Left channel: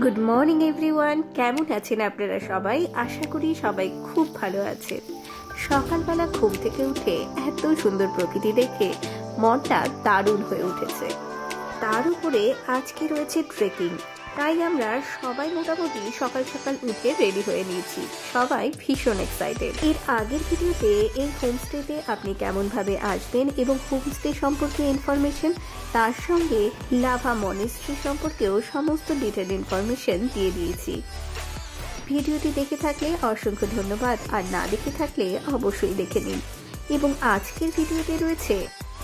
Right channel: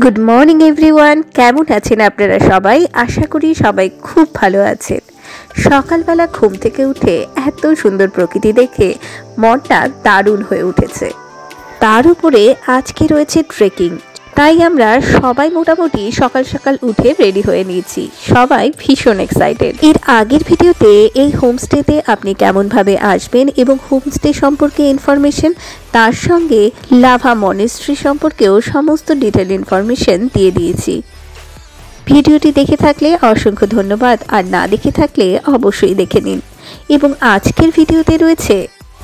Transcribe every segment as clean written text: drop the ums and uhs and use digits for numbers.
Good morning everyone, কেমন আছেন আপনারা সবাই? আশা করি সবাই খুব ভালো আছেন। সকালবেলা ঘুম থেকে উঠে এত সুন্দর প্রকৃতি দেখে মনটা দারুণ হয়ে উঠেছে। তার উপরে আজকে রয়েছে ট্রেকিং, তাই আমরা সবাই মোটামুটি সকাল সকাল উঠে রেডি হয়ে নিয়েছি। সবাই ভীষণ এক্সাইটেড। এর আগের ভিডিওতে এই হোমস্টেতে আপনি কেমনভাবে আসবেন এবং হোমস্টে সম্পর্কে ইনফরমেশন, তার সঙ্গে লাভা মনেস্ট্রি সম্পর্কেও সমস্ত ডিটেল ইনফরমেশন দিয়ে দিয়েছি। ভিডিওটি দেখে থাকলে অসংখ্য ধন্যবাদ, আর না দেখে থাকলে অবশ্যই দেখে নিন। এবং আজকের ভিডিওতে রয়েছে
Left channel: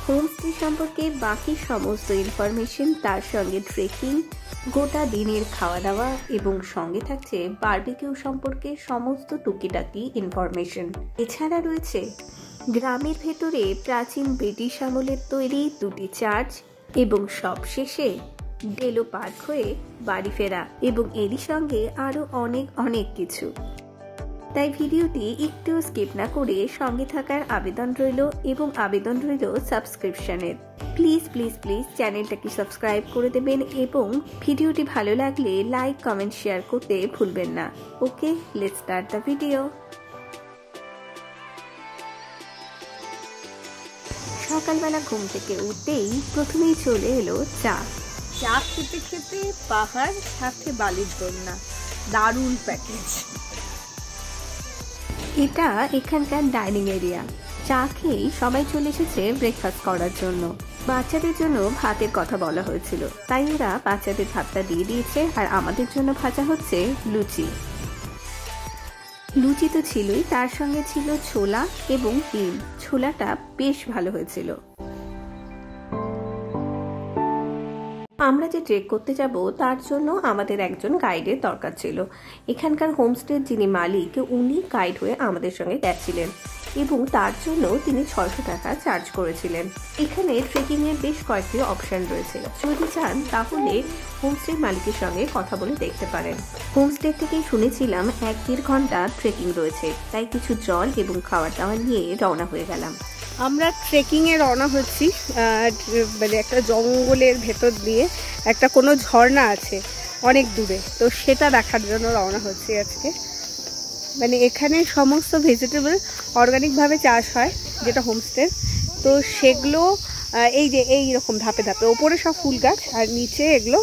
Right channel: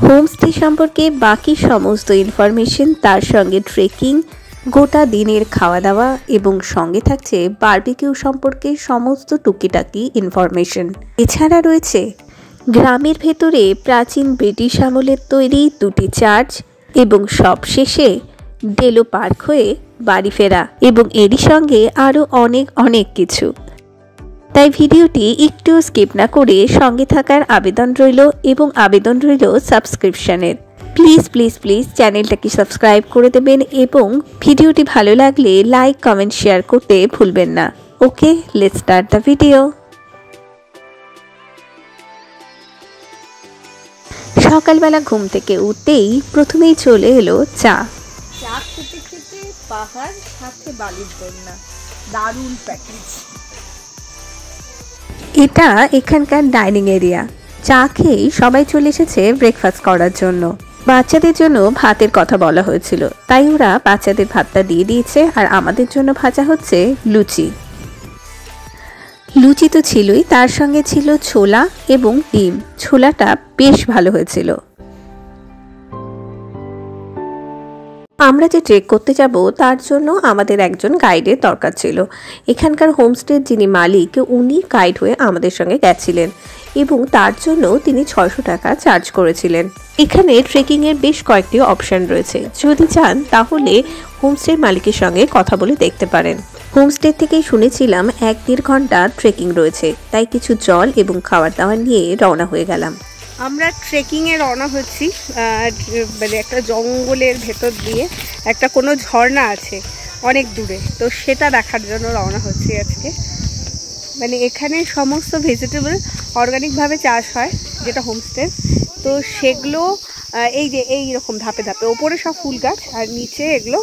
হোমস্টে সম্পর্কে বাকি সমস্ত ইনফরমেশন, তার সঙ্গে ট্রেকিং, গোটা দিনের খাওয়া দাওয়া এবং সঙ্গে থাকছে বারবিকিউ সম্পর্কে সমস্ত টুকিটাকি ইনফরমেশন। এছাড়া রয়েছে গ্রামের ভেতরে প্রাচীন ব্রিটিশ আমলের তৈরি দুটি চার্চ এবং সবশেষে ডেলো পার্ক হয়ে বাড়ি ফেরা, এবং এরই সঙ্গে আরও অনেক কিছু। তাই ভিডিওটি একটু স্কিপ না করে সঙ্গে থাকার আবেদন রইল, এবং আবেদন রইল সাবস্ক্রিপশনের। প্লিজ প্লিজ প্লিজ চ্যানেলটাকে সাবস্ক্রাইব করে দেবেন, এবং ভিডিওটি ভালো লাগলে লাইক কমেন্ট শেয়ার করতে ভুলবেন না। ওকে, লেটস স্টার্ট দ্য ভিডিও। সকালবেলা ঘুম থেকে উঠতেই প্রথমেই চলে এলো চা খেতে খেতে পাহাড় সাথে বালির বন্যা, দারুণ প্যাকেজ। এটা এখানকার ডাইনিং এরিয়া। চা খেয়েই সবাই চলে এসেছে ব্রেকফাস্ট করার জন্য। বাচ্চাদের জন্য ভাতের কথা বলা হয়েছিল, তাই ওরা বাচ্চাদের ভাতটা দিয়ে দিয়েছে, আর আমাদের জন্য ভাজা হচ্ছে লুচি। লুচি তো ছিলই, তার সঙ্গে ছিল ছোলা এবং ডিম। ছোলাটা বেশ ভালো হয়েছিল। আমরা যে ট্রেক করতে যাব তার জন্য আমাদের একজন গাইডের দরকার ছিল। এখানকার হোমস্টের যিনি মালিক, উনি গাইড হয়ে আমাদের সঙ্গে গেছিলেন, এবং তার জন্য তিনি 600 টাকা চার্জ করেছিলেন। এখানে ট্রেকিংয়ের বেশ কয়েকটি অপশন রয়েছে, যদি চান তাহলে হোমস্টের মালিকের সঙ্গে কথা বলে দেখতে পারেন। হোমস্টে থেকেই শুনেছিলাম 1-1.5 ঘন্টা ট্রেকিং রয়েছে, তাই কিছু জল এবং খাবার দাবার নিয়ে রওনা হয়ে গেলাম। আমরা ট্রেকিংয়ে রওনা হচ্ছি, মানে একটা জঙ্গলের ভেতর দিয়ে একটা কোনো ঝর্ণা আছে অনেক দূরে, তো সেটা দেখার জন্য রওনা হচ্ছি আজকে। মানে এখানে সমস্ত ভেজিটেবল অর্গানিকভাবে চাষ হয়, যেটা হোমস্টে, তো সেগুলো এই রকম ধাপে ধাপে, ওপরে সব ফুল গাছ আর নিচে এগুলো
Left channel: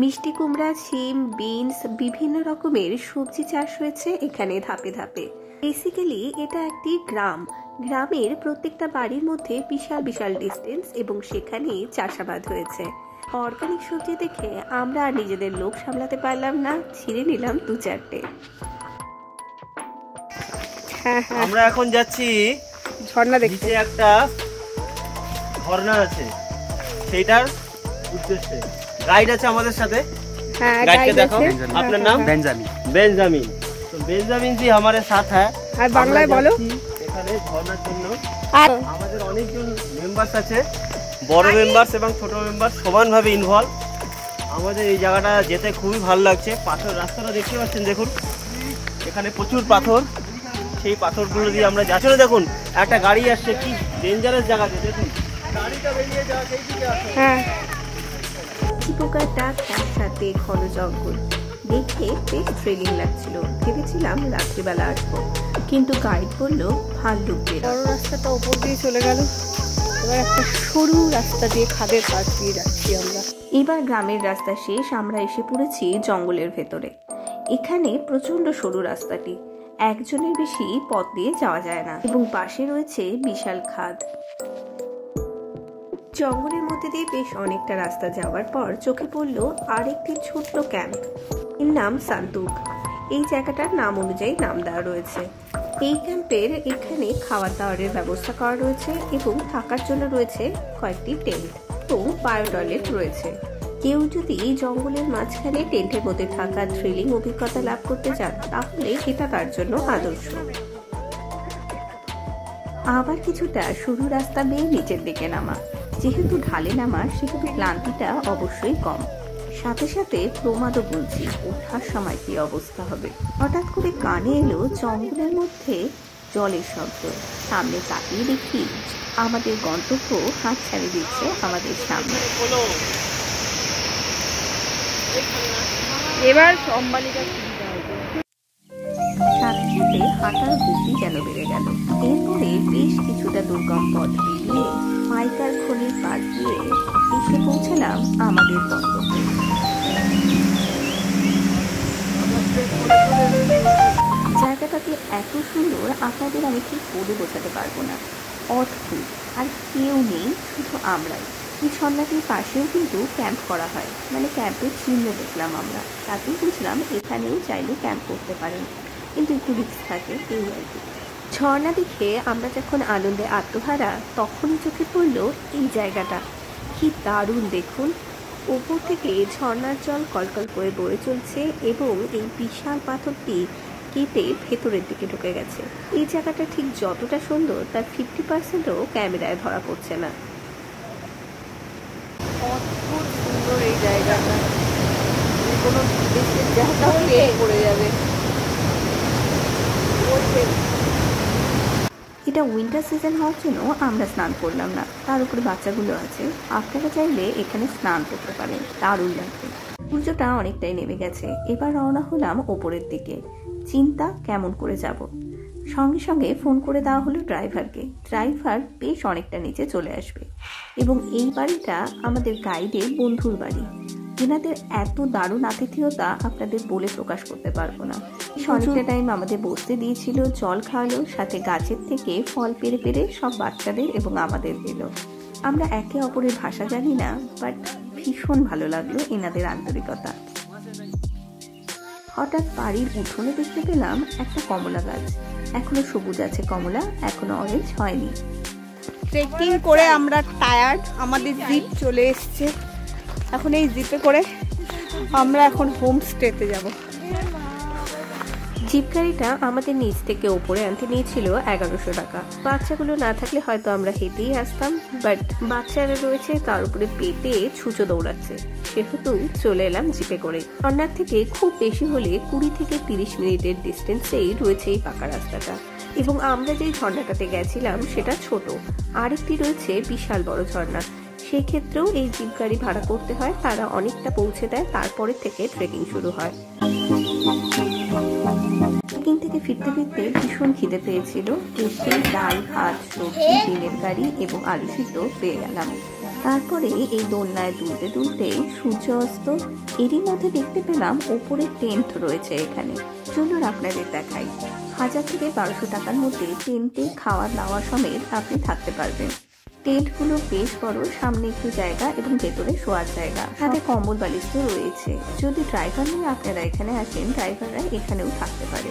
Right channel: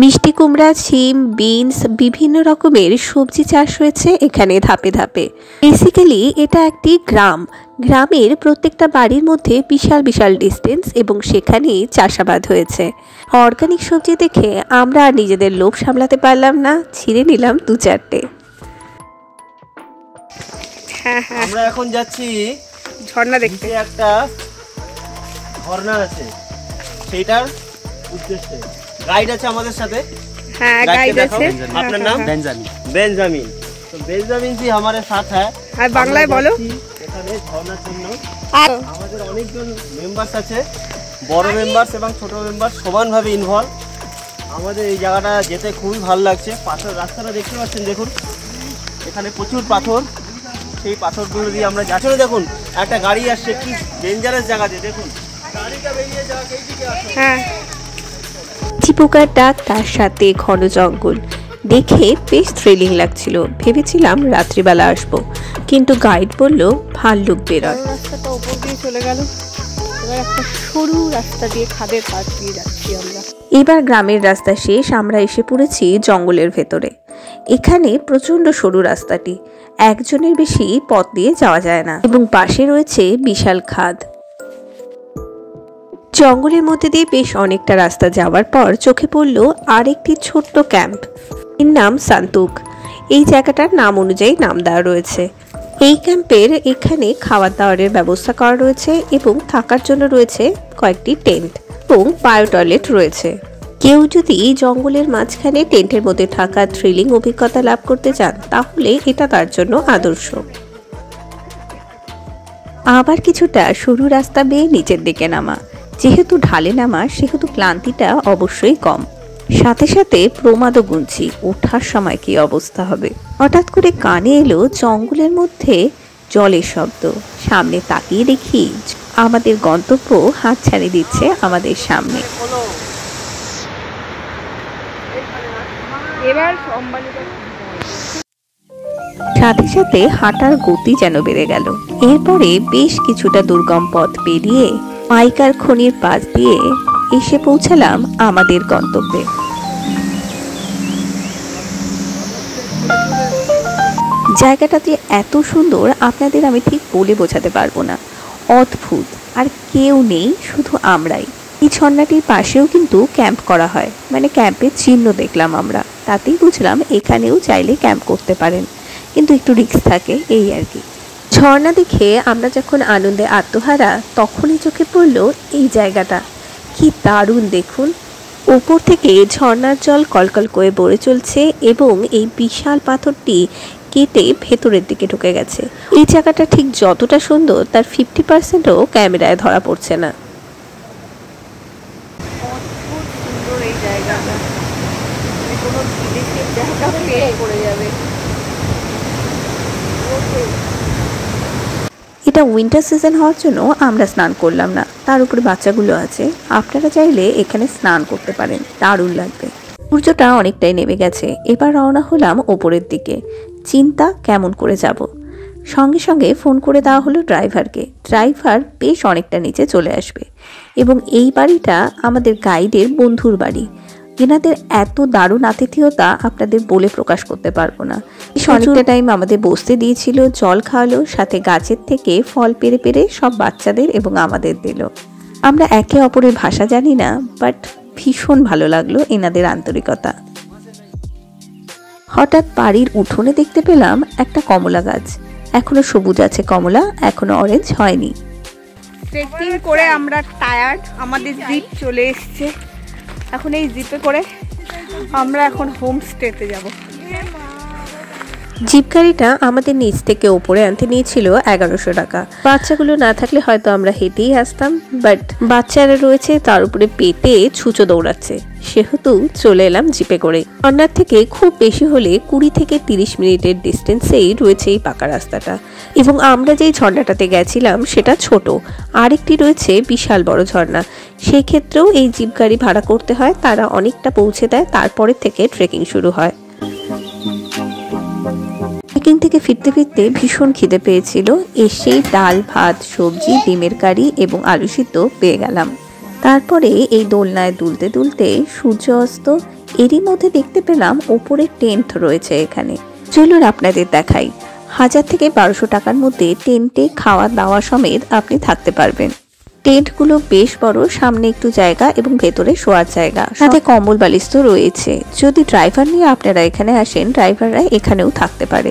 মিষ্টি কুমড়া, শিম, বিনস, বিভিন্ন রকমের সবজি চাষ হয়েছে এখানে ধাপে ধাপে। বেসিক্যালি এটা একটি গ্রাম। গ্রামের প্রত্যেকটা বাড়ির মধ্যে বিশাল বিশাল ডিস্টেন্স, এবং সেখানে চাষাবাদ হয়েছে। অর্গানিক সবজি দেখে আমরা আর নিজেদের লোভ সামলাতে পারলাম না, ছিঁড়ে নিলাম 2-4টে। আমরা এখন যাচ্ছি ঝর্ণা দেখতে। একটা ঝর্ণা আছে, সেটার উদ্দেশ্যে গাইড আছে আমাদের সাথে। হ্যাঁ, গাইড আছে। আপনার নাম? বেঞ্জামিন। বেঞ্জামিন জি हमारे साथ है। আর বাংলায় বলো। এখানে ঝর্ণার জন্য আমাদের অনেকজন মেম্বারস আছে, বড় মেম্বারস এবং ছোট মেম্বারস সমানভাবে ইনভলভ। আমাদের এই জায়গাটা যেতে খুবই ভালো লাগছে। পাথর রাস্তাটা দেখতে পাচ্ছেন, দেখুন এখানে প্রচুর পাথর। সেই পাথরগুলো দিয়ে আমরা যাচ্ছি। দেখুন একটা গাড়ি আসছে, কি ডেঞ্জারাস জায়গাতে, দেখুন গাড়িটা বেরিয়ে যাওয়া সেই দিকে আসছে। হ্যাঁ, চিপোকার ডাক, তার সাথে ঘন জঙ্গল দেখে বেশ থ্রিলিং লাগছিল। ভেবেছিলাম রাত্রিবেলা আসবো, কিন্তু গাইড বলল ভাল্লুক বেরোয়। রাস্তাটা উপর দিয়ে চলে গেল, এবার একটা সরু রাস্তা দিয়ে খাদের পাশ দিয়ে যাচ্ছি আমরা। এবার গ্রামের রাস্তা শেষ, আমরা এসে পড়েছি জঙ্গলের ভেতরে। এখানে প্রচন্ড সরু রাস্তাটি, একজনের বেশি পথ দিয়ে যাওয়া যায় না, এবং পাশে রয়েছে বিশাল খাদ। জঙ্গলের মধ্যে দিয়ে বেশ অনেকটা রাস্তা যাওয়ার পর চোখে পড়ল আরেকটি ছোট্ট ক্যাম্প, এর নাম সান্তুক। এই জায়গাটার নাম অনুযায়ী নাম দেওয়া রয়েছে। এই ক্যাম্পের এখানে খাওয়ার দাওয়ারের ব্যবস্থা করা রয়েছে, এবং থাকার জন্য রয়েছে কয়েকটি টেন্ট, এবং বায়ো টয়লেট রয়েছে। কেউ যদি এই জঙ্গলের মাঝখানে টেন্টের মধ্যে থাকা থ্রিলিং অভিজ্ঞতা লাভ করতে চান, তাহলে এটা তার জন্য আদর্শ। আবার কিছুটা সরু রাস্তা বেয়ে নিচের দিকে নামা। যেহেতু ঢালে নামা, সেহেতু ক্লান্তিটা অবশ্যই কম। সাথে সাথে প্রমাদও গুনছি ওঠার সময় কি অবস্থা হবে। হঠাৎ করে কানে এলো জঙ্গলের মধ্যে জলের শব্দ। সামনে তাকিয়ে দেখি আমাদের গন্তব্য হাতছানি দিচ্ছে আমাদের সামনে। এবার সাথে সাথে হাঁটার গতি যেন বেড়ে গেল। এরপরে বেশ কিছুটা দুর্গম পথ পেরিয়ে পাইকার খনির পাশ দিয়ে এসে পৌঁছালাম আমাদের গন্তব্যে। জায়গাটা যে এত সুন্দর আপনাদের আমি ঠিক বলে বোঝাতে পারবো না, অদ্ভুত। আর কেউ নেই, শুধু আমরাই। এই ঝর্ণাটির পাশেও কিন্তু ক্যাম্প করা হয়, মানে ক্যাম্পের চিহ্ন দেখলাম আমরা, তাতেই বুঝলাম এখানেও চাইলে ক্যাম্প করতে পারেন, কিন্তু একটু রিস্ক থাকে, এই আর কি। ঝর্ণা দেখে আমরা যখন আনন্দে আত্মহারা, তখনই চোখে পড়লো এই জায়গাটা। কি দারুণ দেখুন, উপর থেকে ঝর্ণার জল কলকল করে বয়ে চলছে এবং এই বিশাল পাথরটি কেটে ভেতরের দিকে ঢুকে গেছে। এই জায়গাটা ঠিক যতটা সুন্দর তার 50%ও ক্যামেরায় ধরা পড়ছে না। অদ্ভুত সুন্দর এই জায়গাটা, কোনো বিদেশের জায়গা পেয়ে পড়ে যাবে। এটা উইন্টার সিজন হওয়ার জন্য আমরা স্নান করলাম না, তার উপরে বাচ্চাগুলো আছে। আপনারা চাইলে এখানে স্নান করতে পারেন, দারুণ লাগবে। সূর্যটা অনেকটাই নেমে গেছে, এবার রওনা হলাম ওপরের দিকে। চিন্তা কেমন করে যাব, সঙ্গে সঙ্গে ফোন করে দেওয়া হলো ড্রাইভারকে। ড্রাইভার বেশ অনেকটা নিচে চলে আসবে এবং এই বাড়িটা আমাদের গাইডের বন্ধুর বাড়ি। এনাদের এত দারুণ আতিথেয়তা আপনাদের বলে প্রকাশ করতে পারবো না। অনেকটা টাইম আমাদের বসতে দিয়েছিল, জল খাওয়ালো, সাথে গাছের থেকে ফল পেরে পেরে সব বাচ্চাদের এবং আমাদের দিল। আমরা একে অপরের ভাষা জানি না, বাট ভীষণ ভালো লাগলো এনাদের আন্তরিকতা। হঠাৎ বাড়ির উঠোনে দেখতে পেলাম একটা কমলা গাছ। এখনো সবুজ আছে কমলা, এখনো অরেঞ্জ হয়নি। ট্রেকিং করে আমরা টায়ার্ড, আমাদের জিপ চলে এসছে। এখন এই জিপে করে আমরা এখন হোমস্টেতে যাব। জিপ গাড়িটা আমাদের নিচ থেকে ওপরে আনতে নিয়েছিল 1100 টাকা। বাচ্চাগুলো না থাকলে হয়তো আমরা হেঁটেই আসতাম, বাট বাচ্চারা রয়েছে, তার উপরে পেটে ছুঁচো দৌড়াচ্ছে, সেহেতু চলে এলাম জিপে করে। ঝর্ণার থেকে খুব বেশি হলে 20 থেকে 30 মিনিটের ডিস্টেন্সেই রয়েছে এই পাকা রাস্তাটা। এবং আমরা যেই ঝর্ণাটাতে গেছিলাম সেটা ছোট, আরেকটি রয়েছে বিশাল বড় ঝর্ণা, সেই ক্ষেত্রেও এই জিপ গাড়ি ভাড়া করতে হয়। তারা অনেকটা পৌঁছে দেয়, তারপরে থেকে ট্রেকিং শুরু হয়। ট্রেকিং থেকে ফিরতে ফিরতে ভীষণ খিদে পেয়েছিল, এসেই ডাল ভাত সবজি ডিমের কারি এবং আলু সিদ্ধ পেয়ে গেলাম। তারপরে এই দোলনায় দুলতে দুলতে সূর্য অস্ত। এরই মধ্যে দেখতে পেলাম ওপরে টেন্ট রয়েছে এখানে। চলুন আপনাদের দেখাই। 1000 থেকে 1200 টাকার মধ্যে টেন্টে খাওয়া দাওয়া সমেত আপনি থাকতে পারবেন। টেন্টগুলো বেশ বড়, সামনে একটু জায়গা এবং ভেতরে শোয়ার জায়গা, সাথে কম্বল বালিশ তো রয়েছে। যদি ড্রাইভার নিয়ে আপনারা এখানে আসেন, ড্রাইভাররা এখানেও থাকতে পারে।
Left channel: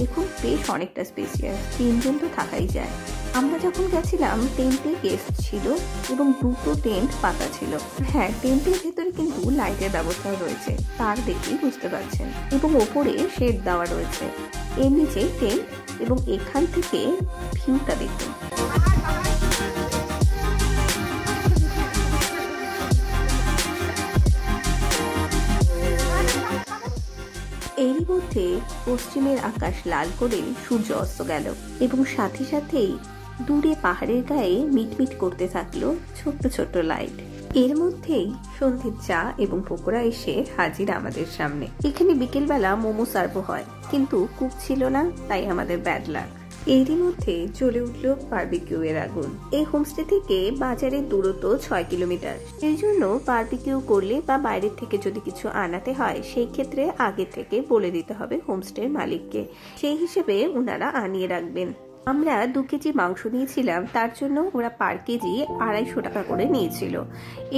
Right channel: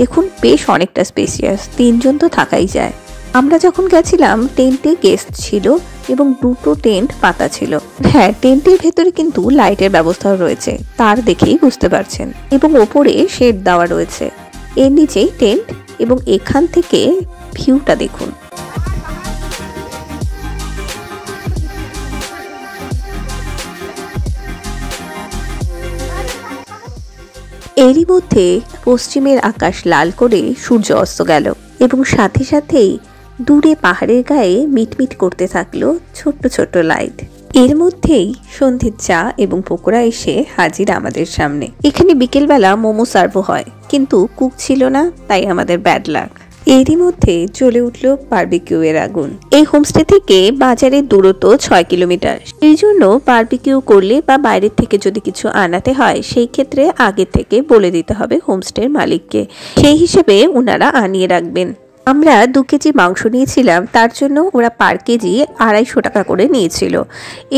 দেখুন বেশ অনেকটা স্পেসিয়াস, 3 জন তো থাকাই যায়। আমরা যখন গেছিলাম টেন্টে গেস্ট ছিল এবং 2টো টেন্ট পাতা ছিল। হ্যাঁ, টেন্টের ভেতরে কিন্তু লাইটের ব্যবস্থাও রয়েছে, তার দেখেই বুঝতে পারছেন, এবং ওপরে শেড দেওয়া রয়েছে। এর নিচেই টেন্ট এবং এখান থেকে ভিউটা দেখুন। এরই মধ্যে পশ্চিমের আকাশ লাল করে সূর্য অস্ত গেল এবং সাথে সাথেই দূরে পাহাড়ের গায়ে মিটমিট করতে থাকলো ছোট্ট ছোট্ট লাইট। এর মধ্যেই সন্ধ্যের চা এবং পকোড়া এসে হাজির আমাদের সামনে। এখানে বিকেলবেলা মোমো সার্ভ হয়, কিন্তু কুক ছিল না, তাই আমাদের ব্যাড লাক। এরই মধ্যে জ্বলে উঠলো বারবিকিউ এর আগুন। এই হোমস্টে থেকে বাজারের দূরত্ব 6 কিলোমিটার। এই জন্য বারবিকিউ করলে বা বাইরের থেকে যদি কিছু আনাতে হয়, সেই ক্ষেত্রে আগে থেকে বলে দিতে হবে হোমস্টের মালিককে, সেই হিসেবে ওনারা আনিয়ে রাখবেন। আমরা 2 কেজি মাংস নিয়েছিলাম, তার জন্য ওরা পার কেজি 250 টাকা করে নিয়েছিল,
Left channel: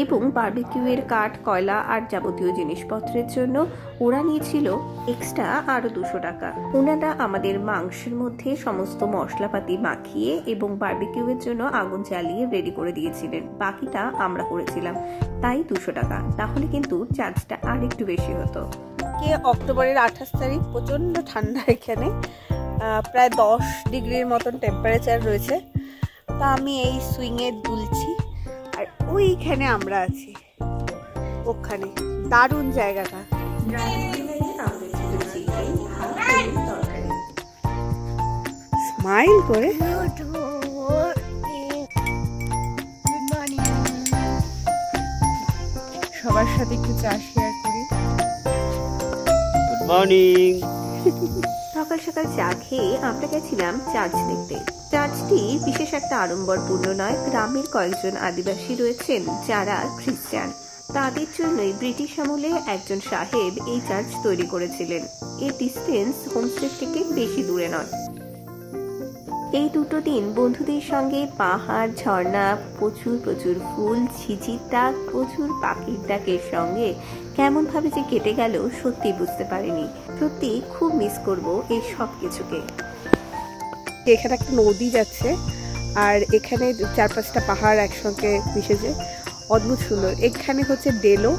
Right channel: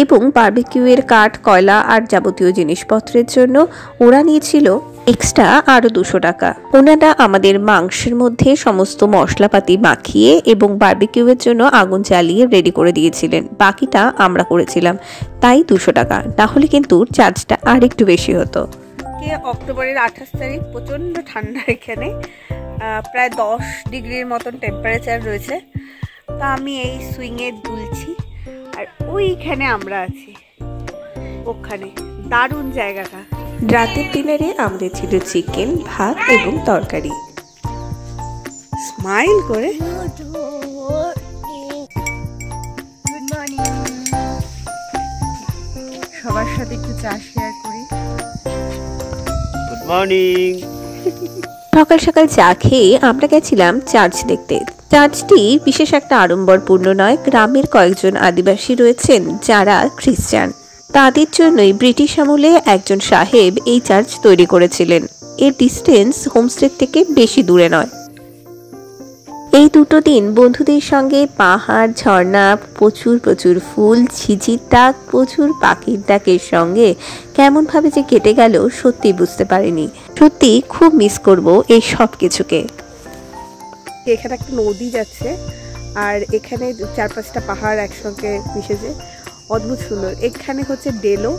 এবং বারবিকিউয়ের কাঠ কয়লা আর যাবতীয় জিনিসপত্রের জন্য ওরা নিয়েছিল এক্সট্রা আরও 200 টাকা। ওনারা আমাদের মাংসের মধ্যে সমস্ত মশলাপাতি মাখিয়ে এবং বারবিকিউয়ের জন্য আগুন জ্বালিয়ে রেডি করে দিয়েছিলেন, বাকিটা আমরা করেছিলাম, তাই 200 টাকা। তাহলে কিন্তু চার্জটা আর একটু বেশি হতো। অক্টোবরের 28 তারিখ, প্রচণ্ড ঠান্ডা, এখানে প্রায় 10 ডিগ্রির মতন টেম্পারেচার রয়েছে। তা আমি এই সুইংয়ে দুলছি, আর ওইখানে আমরা আছি, ওখানে দারুণ জায়গাটা। রাতের ডিনারে আমাদের ছিল চিকেন, ভাত এবং তরকারি। স্মাইল করে সবার সাথে একটু চা শেয়ার করি। মর্নিং। সকাল সকাল চা খেয়ে আমরা গেছিলাম চার্চ দেখতে। চার্চটি বিশেষ একটা আড়ম্বরপূর্ণ নয়, গ্রামের কয়েকজন আদিবাসী রয়েছেন যারা খ্রিস্টান, তাদের জন্যই ব্রিটিশ আমলে একজন সাহেব এই চার্চ তৈরি করেছিলেন। এর ডিস্টেন্স হোমস্টে থেকে বেশি দূরে নয়। এই দুটো দিন বন্ধুদের সঙ্গে পাহাড়, ঝর্ণা, প্রচুর প্রচুর ফুল, ঝিঝির ডাক, প্রচুর পাখির ডাকের সঙ্গে কেমনভাবে যে কেটে গেল সত্যি বুঝতে পারিনি। সত্যি খুব মিস করব এই সব কিছুকে। এখানে একটা নদী যাচ্ছে আর এখানে 4-5টা পাহাড় একসঙ্গে মিশেছে, অদ্ভুত সুন্দর। এখানে হচ্ছে ডেলো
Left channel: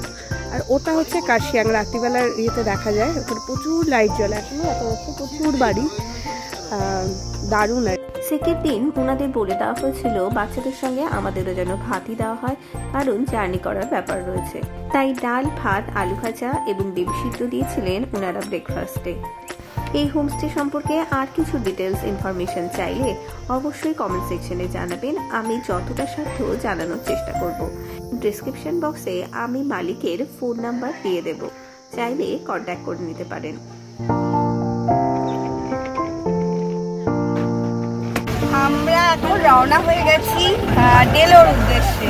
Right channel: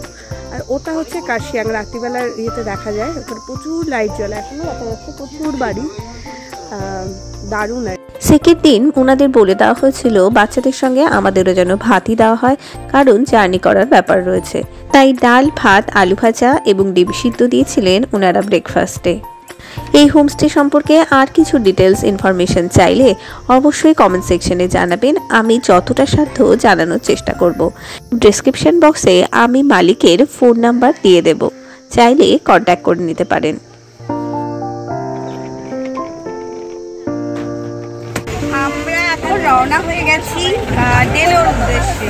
আর ওটা হচ্ছে কাশিয়াং। রাত্রিবেলার ইয়েতে দেখা যায় ওখানে প্রচুর লাইট জ্বলে, এখনো দেখা যাচ্ছে প্রচুর বাড়ি, দারুণ। সেকেন্ড দিন ওনাদের বলে দেওয়া হয়েছিল বাচ্চাদের সঙ্গে আমাদেরও যেন ভাতই দেওয়া হয়, কারণ জার্নি করার ব্যাপার রয়েছে। তাই ডাল, ভাত, আলু ভাজা এবং ডিম সিদ্ধ দিয়েছিলেন ওনারা ব্রেকফাস্টে। এই হোমস্টে সম্পর্কে আর কিছু ডিটেলস ইনফরমেশন চাইলে অবশ্যই কমেন্ট সেকশনে জানাবেন, আমি যতটা সাধ্য জানানোর চেষ্টা করব। ডেসক্রিপশন বক্সে আমি মালিকের ফোন নাম্বার দিয়ে দেব, চাইলে কন্ট্যাক্ট করে নিতে পারেন। আমরা এখন রওনা হয়ে গেছি ডেলোর উদ্দেশ্যে।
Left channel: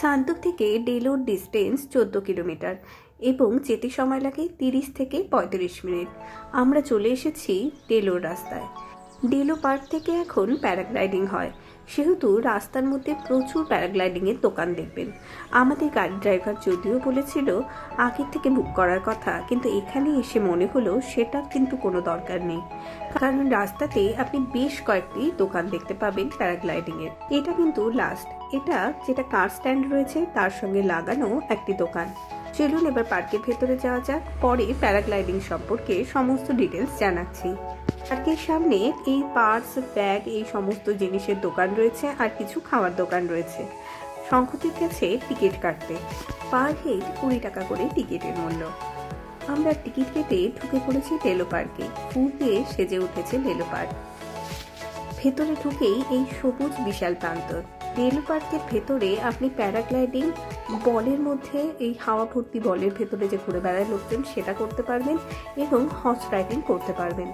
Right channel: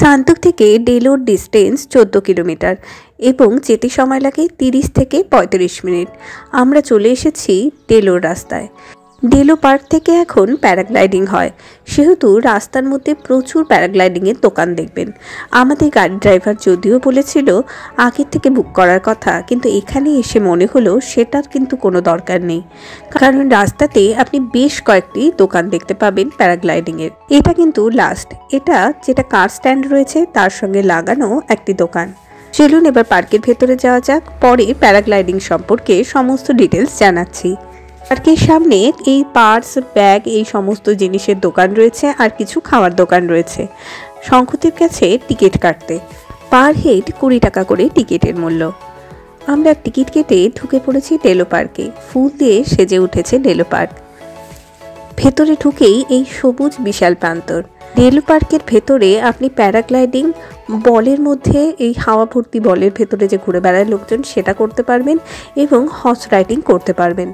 সান্তুক থেকে ডেলোর ডিস্টেন্স 14 কিলোমিটার এবং যেতে সময় লাগে 30 থেকে 35 মিনিট। আমরা চলে এসেছি ডেলোর রাস্তায়। ডেলো পার্ক থেকে এখন প্যারাগ্লাইডিং হয়, সেহেতু রাস্তার মধ্যে প্রচুর প্যারাগ্লাইডিংয়ের দোকান দেখবেন। আমাদের গাড়ি ড্রাইভার যদিও বলেছিল আগের থেকে বুক করার কথা, কিন্তু এখানে এসে মনে হলো সেটার কিন্তু কোনো দরকার নেই, কারণ রাস্তাতে আপনি বেশ কয়েকটি দোকান দেখতে পাবেন প্যারাগ্লাইডিংয়ের। এটা কিন্তু লাস্ট, এটা যেটা কার স্ট্যান্ড রয়েছে তার সঙ্গে লাগানো একটি দোকান। চলুন এবার পার্কের ভেতরে যাওয়া যাক, পরে প্যারাগ্লাইডিং সম্পর্কে সমস্ত ডিটেলস জানাচ্ছি। পার্কের সামনে এই পার্স, ব্যাগ, এই সমস্ত জিনিসের দোকান রয়েছে আর কিছু খাওয়ার দোকান রয়েছে। শঙ্খদ্বীপ গেছে টিকিট কাটতে, পার হেড 20 টাকা করে টিকিটের মূল্য। আমরা টিকিট কেটে ঢুকে পড়েছি ডেলো পার্কে। ফুল দিয়ে সেজে উঠেছে ডেলো পার্ক। ভেতরে ঢুকেই এই সবুজ বিশাল প্রান্তর। ডেলো পার্কের ভেতরে আপনি প্যারাগ্লাইডিং, বলের মধ্যে এই হাওয়া ভর্তি বলের ভেতরে যে ঘুরে বেড়ায় লোকজন সেটা করতে পারবেন এবং হর্স রাইডিং করতে পারবেন।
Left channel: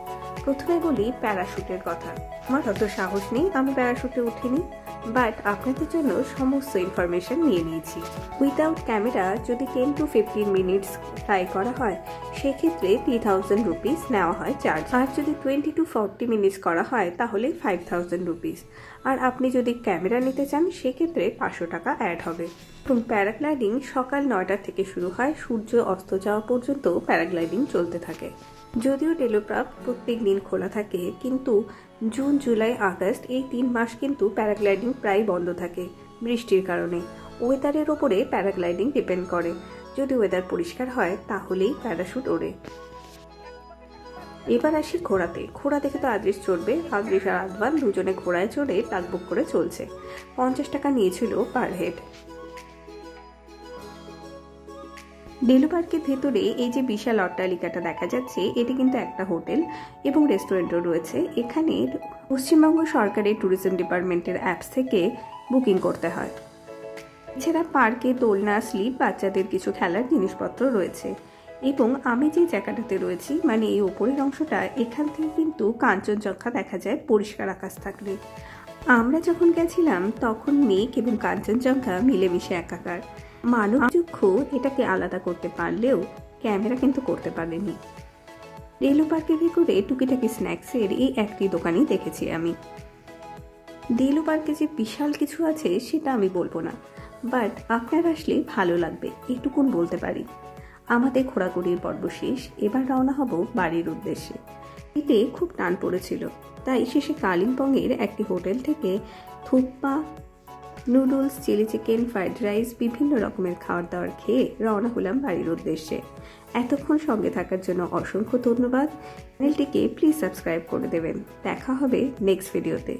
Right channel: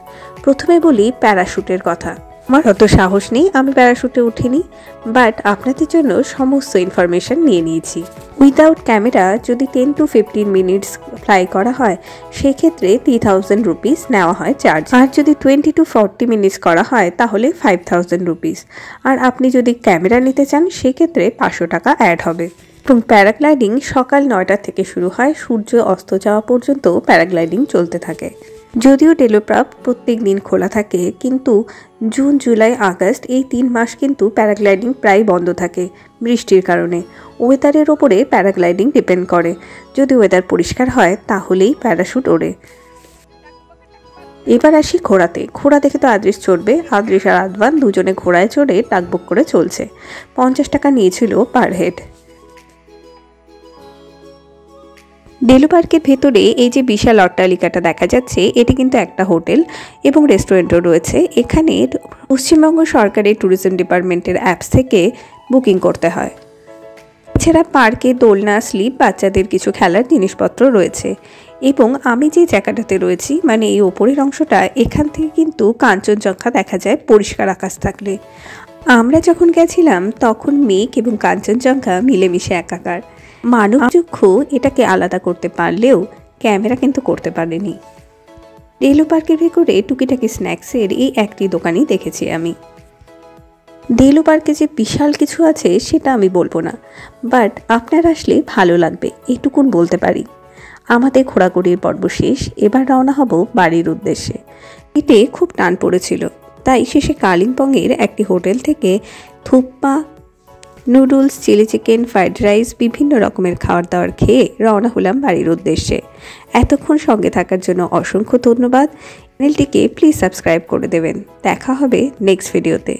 প্রথমে বলি প্যারাশুটের কথা। আমার অত সাহস নেই, আমি প্যারাশুটে উঠিনি, বাট আপনাদের জন্য সমস্ত ইনফরমেশন নিয়ে নিয়েছি। উইদাউট ক্যামেরা যদি 10 to 15 মিনিটস ফ্লাই করা হয় সেক্ষেত্রে 3000 রুপিস নেওয়া হয় চার্জ, আর যদি 20 to 40 মিনিটস করা হয় তাহলে 5000 রুপিস, আর আপনি যদি ক্যামেরা নিতে চান সেক্ষেত্রে 500 টাকা অ্যাড হবে। এবং প্যারাগ্লাইডিং সকাল 9টা থেকে শুরু হয়, সূর্য অস্ত যাওয়া পর্যন্ত প্যারাগ্লাইডিং চলতে থাকে। যদিও ডেলো পার্ক প্রত্যেক দিন খোলা থাকে, কিন্তু জুন, জুলাই, আগস্ট এই 3 মাস কিন্তু প্যারাগ্লাইডিং প্রায় বন্ধ থাকে বৃষ্টির কারণে। ওয়েদারের ওপরে প্যারাগ্লাইডিং ডিপেন্ড করে, যদি ওয়েদার পরিষ্কার হয় তাহলেই প্যারাশুট ওড়ে। এবার আসি ঘোড়াতে। ঘোড়া দেখে তো আদ্রিস চড়বে, আদ্রিস আর আদওয়ান দুজনে ঘোড়ায় চড়ে টাকবুক করে চলছে। 50 টাকা নিয়েছিল পার হেড। ডেলো পার্কের ভেতরে এই যে বিশাল অট্টালিকাটা দেখা যাচ্ছে, এটি কিন্তু একটা হোটেল এবং রেস্টুরেন্টও রয়েছে। এখানে পশ্চিমবঙ্গ সরকারের ট্যুরিজম ডিপার্টমেন্টের অ্যাপস থেকে বুকিং করতে হয়। এছাড়া পার্কে দোলনা, স্লিপ, বাচ্চাদের কিছু খেলার জিনিসপত্র রয়েছে। এবং আমি যে জায়গাটাতে রয়েছি, মানে এই ওপরের অংশটা, এখান থেকে কিন্তু কাঞ্চনজঙ্ঘা দেখা যায় পরিষ্কার আকাশ থাকলে। আমরা যখন গেছিলাম তখন মেঘ এবং কাঞ্চনজঙ্ঘা মিলেমিশে একাকার। মানবচক্ষু এটাকে আলাদা করতে পারলেও ক্যামেরা কিন্তু করতে পারেনি। ডেলো পার্কের ভেতরে টুকিটাকি স্ন্যাক্সের এই একটি দোকানই দেখেছি আমি। ডেলো পার্কে যে বিশাল কিছু আছে সেটা আমি বলবো না, বাট আপনার আসলে ভালো লাগবে এইটুকুন বলতে পারি। আমাদের ঘোরাঘুরির পর্ব শেষ, এবার রওনা হব বাড়ির উদ্দেশ্যে। পেটে খুব টান পড়েছিল, তাই শেষে কালিম্পংয়ের একটি হোটেল থেকে thukpa, noodles, chilli chicken, fried rice, বিভিন্ন রকমের খাবার দাবার খেয়ে রওনা হলাম বাড়ির উদ্দেশ্যে। এতক্ষণ সঙ্গে থাকার জন্য অসংখ্য ধন্যবাদ। চ্যানেলটিকে প্লিজ সাবস্ক্রাইব করে দেবেন। দেখা হবে নেক্সট ভিডিওতে।